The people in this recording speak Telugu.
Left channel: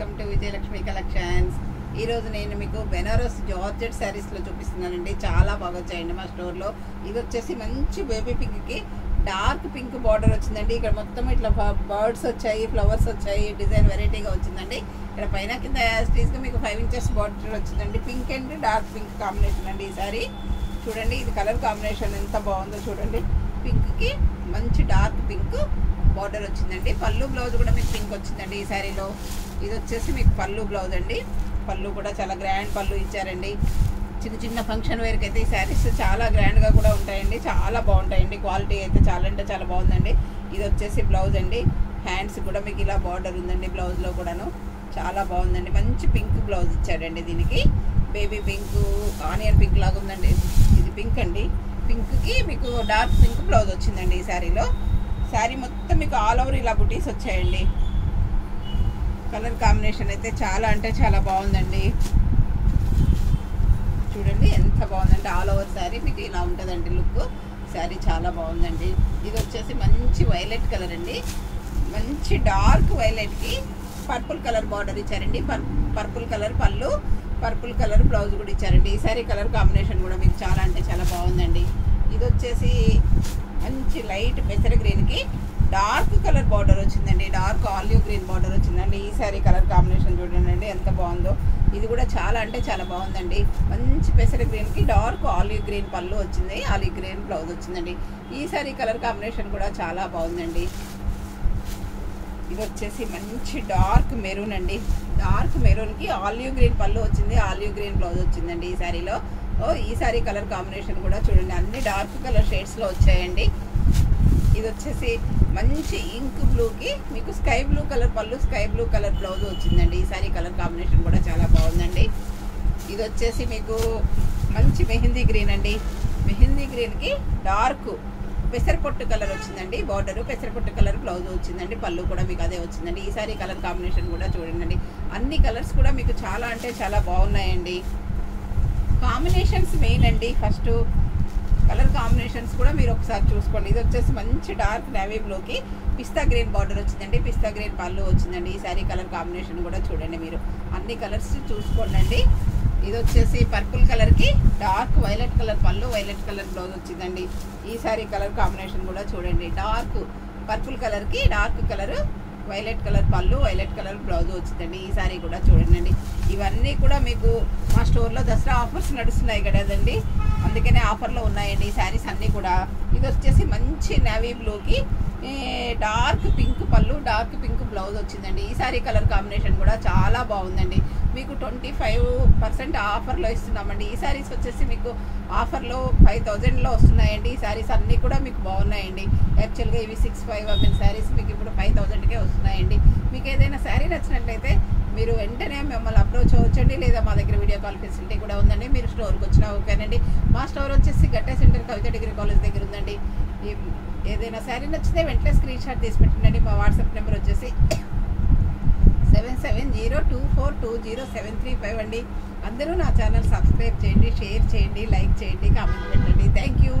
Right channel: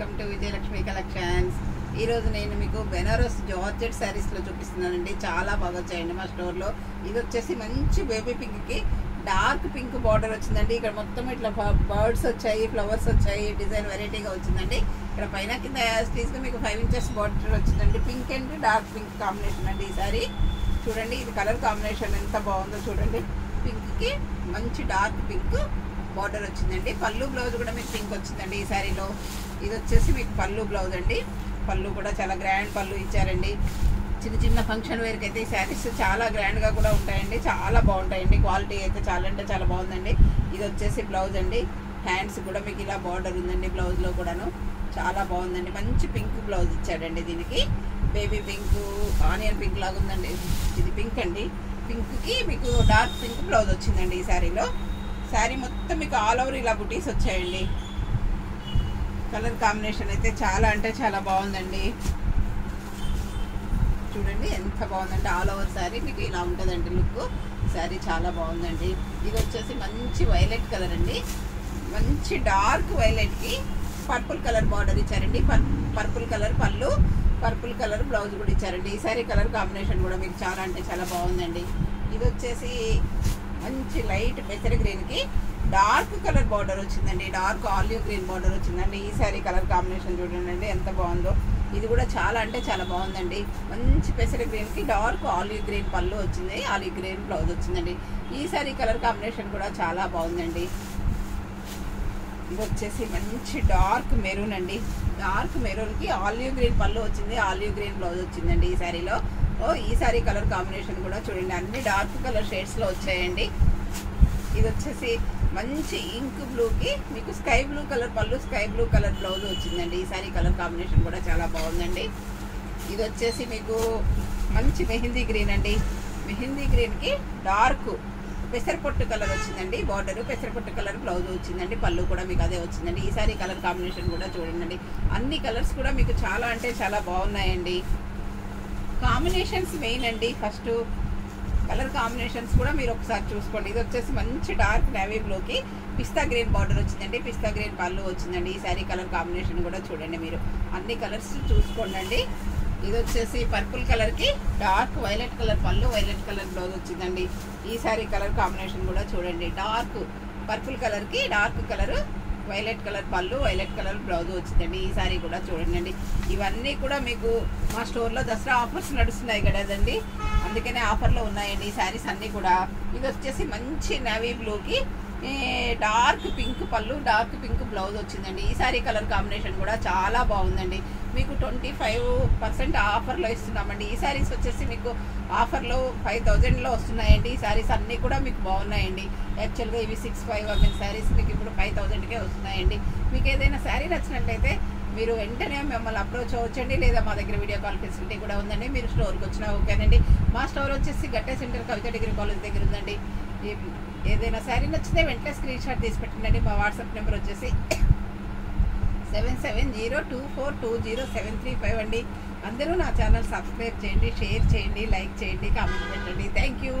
Welcome to Vijayalakshmi collections. ఈ రోజు నేను మీకు బెనారస్ జార్జెట్ శారీస్ లో చూపిస్తున్నానండి. చాలా బాగా వచ్చాయండి మా స్టోర్ లో. ఇది వచ్చేసి మంచి బేబీ పింక్ కి డార్క్ పింక్ బార్డర్ వచ్చిందండి. ఇక్కడ మొత్తం ఇట్లా బర్డ్స్ వచ్చాయి, ఫ్లవర్స్ వచ్చాయి, డిజైన్ వెరైటీగా వచ్చిందండి. ఇక్కడ పైన కింద యాస్టీస్ గా మీకు 5 ఇంచెస్ బార్డర్ వచ్చిందండి. Pink and dark pink combination అండి ఈ సారీ. చూడండి ఇది కలర్ కాంబినేషన్ ఎంత బాగుందో చూడండి. పింక్ కి మంచి డార్క్ పింక్ బార్డర్ వచ్చిందండి. పళ్ళు బ్లౌజ్ కూడా మీకు పింక్ వచ్చిందండి ఈ శారీలో. ఇది వచ్చేసి మీకు పళ్ళు బ్లౌజ్ అండి. పళ్ళు కూడా చాలా గ్రాండ్ పళ్ళు ఇచ్చారండి. చిన్న చిన్న ఫంక్షన్ వేర్కి అయితే ఈ శారీస్ చాలా గ్రాండ్ గా కూడా ఉంటాయండి. చాలా బాగుంటాయండి. క్వాలిటీ అయితే చాలా అంటే చాలా బాగుందండి. ఇది వచ్చేసి బ్లౌజ్ అండి. హ్యాండ్స్ కూడా మీకు ఇలా బార్డర్ ఉందండి. బ్లౌజ్ లో కూడాను చాలా బాగుందండి. మంచి పింక్ బ్లౌజ్ ఇచ్చాడండి. దీనికి బేబీ పింక్, ఆనియన్ పింక్ లాగా ఉందండి. ఇది పింక్ అండి. పింక్ కి మీకు డార్క్ పింక్ బ్లౌజ్ వచ్చిందండి ఈ శారీలో. శారీ మొత్తం మీకు ఆల్ ఓవర్ ఇలా బుటీస్ వచ్చాయండి. కలర్ కాంబినేషన్ అయితే చాలా అంటే చాలా బాగుందండి. చూడండి ఎంత బాగుందంటే ఆల్ ఓవర్ శారీ మీకు ఇలా ఉంటుందండి లుక్. శారీ చాలా బాగుందండి. ఇది వచ్చేసి మంచి వైలెట్ కలర్ అండి. మంచి డార్క్ వైలెట్ కి పర్పుల్ కలర్ బార్డర్ ఇచ్చారండి. పర్పుల్ కలర్ పళ్ళు, పర్పుల్ కలర్ బ్లౌజ్ కూడా ఇచ్చారండి. ఈ శారీ కలర్ కాంబినేషన్ కూడా మీకు చాలా అంటే చాలా బాగుందండి. ఇది వచ్చేసి మంచి లైట్ పెసర గ్రీన్ కి డార్క్ కలర్ బార్డర్ వచ్చిందండి. డార్క్ ఆలివ్ గ్రీన్ బార్డర్ వచ్చిందండి. ఈ సారీ కలర్ కాంబినేషన్ చూడండి ఎంత బాగుందో. ఇది కూడా చాలా అంటే చాలా బాగుందండి. మంచి పెసర గ్రీన్ కి డార్క్ ఆలివ్ గ్రీన్ పళ్ళు వచ్చింది, ఆలివ్ గ్రీన్ బ్లౌజ్ వచ్చిందండి. ఈ సారీ కలర్ కాంబినేషన్ కూడా చాలా బాగుందండి. ఇది వచ్చేసి మంచి డార్క్ మెరూన్ అండి. డార్క్ మెరూన్ కి ఆలివ్ గ్రీన్ పళ్ళు వచ్చింది, ఆలివ్ గ్రీన్ బ్లౌజ్ వచ్చిందండి ఈ సారీలో. ఈ సారీ కలర్ కాంబినేషన్ కూడా చూడండి అన్ని డార్క్ కలర్ షేడ్స్ లో వచ్చాయండి. ఇది వచ్చేసి మంచి ఇంక్ బ్లూ కి మీకు స్కై బ్లూ కలర్ పళ్ళు, స్కై బ్లూ కలర్ బ్లౌజ్ వచ్చిందండి. ఈ సారీ కలర్ కాంబినేషన్ కూడా చాలా బాగుందండి. ఇది వచ్చేసి మీకు మంచి మెహందీ గ్రీన్ అండి. మెహందీ గ్రీన్ కి డార్క్ పెసరపొట్టు కలర్ వచ్చిందండి. బార్డర్ పెసరపొట్టు కలర్ బ్లౌజ్ వచ్చిందండి. పళ్ళు కూడా మీకు అదే వచ్చిందండి. ఈ సారీ కలర్ కాంబినేషన్ కూడా చూడండి. అన్ని కలర్స్ కూడా మీకు చాలా అంటే చాలా బాగున్నాయండి. కాంబినేషన్స్ మెయిన్ అండి. ఫస్ట్ కలర్ కాంబినేషన్స్ కూడా మీరు ఒకసారి చూసుకోండి. ఇది వచ్చేసి మంచి డార్క్ నేవీ బ్లూకి పిస్తా గ్రీన్ బార్డర్ వచ్చిందండి. పిస్తా గ్రీన్ పళ్ళు వచ్చిందండి. ఈ సారీ కలర్ కాంబినేషన్ కూడా చూడండి. మీరు అన్ని కలర్స్ చూసుకోండి. ఇది వచ్చేసి పర్పుల్ కలర్ కి డార్క్ వైలెట్ కలర్ పళ్ళు, వైలెట్ కలర్ బ్లౌజ్ వచ్చిందండి. ఈ సారీ కలర్ కాంబినేషన్ కూడా చూడండి. డార్క్ పర్పుల్ కలర్ కి డార్క్ కలర్ వైలెట్ కలర్ పళ్ళు, వైలెట్ కలర్ బ్లౌజ్ వచ్చిందండి. ఈ సారీ కూడా చూడండి. ఇవన్నీ కూడా మీకు మా స్టోర్లో దసరా ఆఫర్స్ నడుస్తున్నాయి కదండి, అందుకనే ఆఫర్లో ఉన్నాయండి ఈ శారీస్ అన్నీ కూడా. ఇది వచ్చేసి మంచి నేవీ బ్లూకి డార్క్ పింక్ పళ్ళు, డార్క్ పింక్ బ్లౌజ్ వచ్చిందండి. ఈ సారీ కలర్ కాంబినేషన్ కూడా చాలా బాగుందండి. మీకు 25% ఆఫర్లో ఇస్తున్నామండి. ఈ శారీస్ వచ్చేసి మీకు ఆఫర్లో 5000లో వస్తున్నాయండి. ఈ శారీస్ అన్నీ కూడా మీకు బాగున్నాయండి. యాక్చువల్గా ఇవి 65 శారీస్ మీకు ఇప్పుడు 5000కే వస్తున్నాయండి. మీకు ఏదైనా శారీ నచ్చినట్లయితే మీరు వెంటనే మిమ్మల్ని అప్రోచ్ అవ్వచ్చండి, లేదా మా దగ్గర వీడియో కాల్ ఫెసిలిటీ కూడా ఉందండి. మీరు స్టోర్కి వచ్చినా ఓకేనండి. మా స్టోర్ వచ్చేసి గట్టే సెంటర్ కవిత డిగ్రీ కాలేజ్ దగ్గర ఉందండి. ఏదైనా శారీ నచ్చితే వెంటనే స్క్రీన్ షాట్ తీసి పెట్టండి. మా వాట్సాప్ నెంబర్ వచ్చేసి 7702420735 అండి. అందరూ నా ఛానల్ సబ్స్క్రైబ్ చేయండి, షేర్ చేయండి, లైక్ చేయండి, కామెంట్ పెట్టండి. Thank you.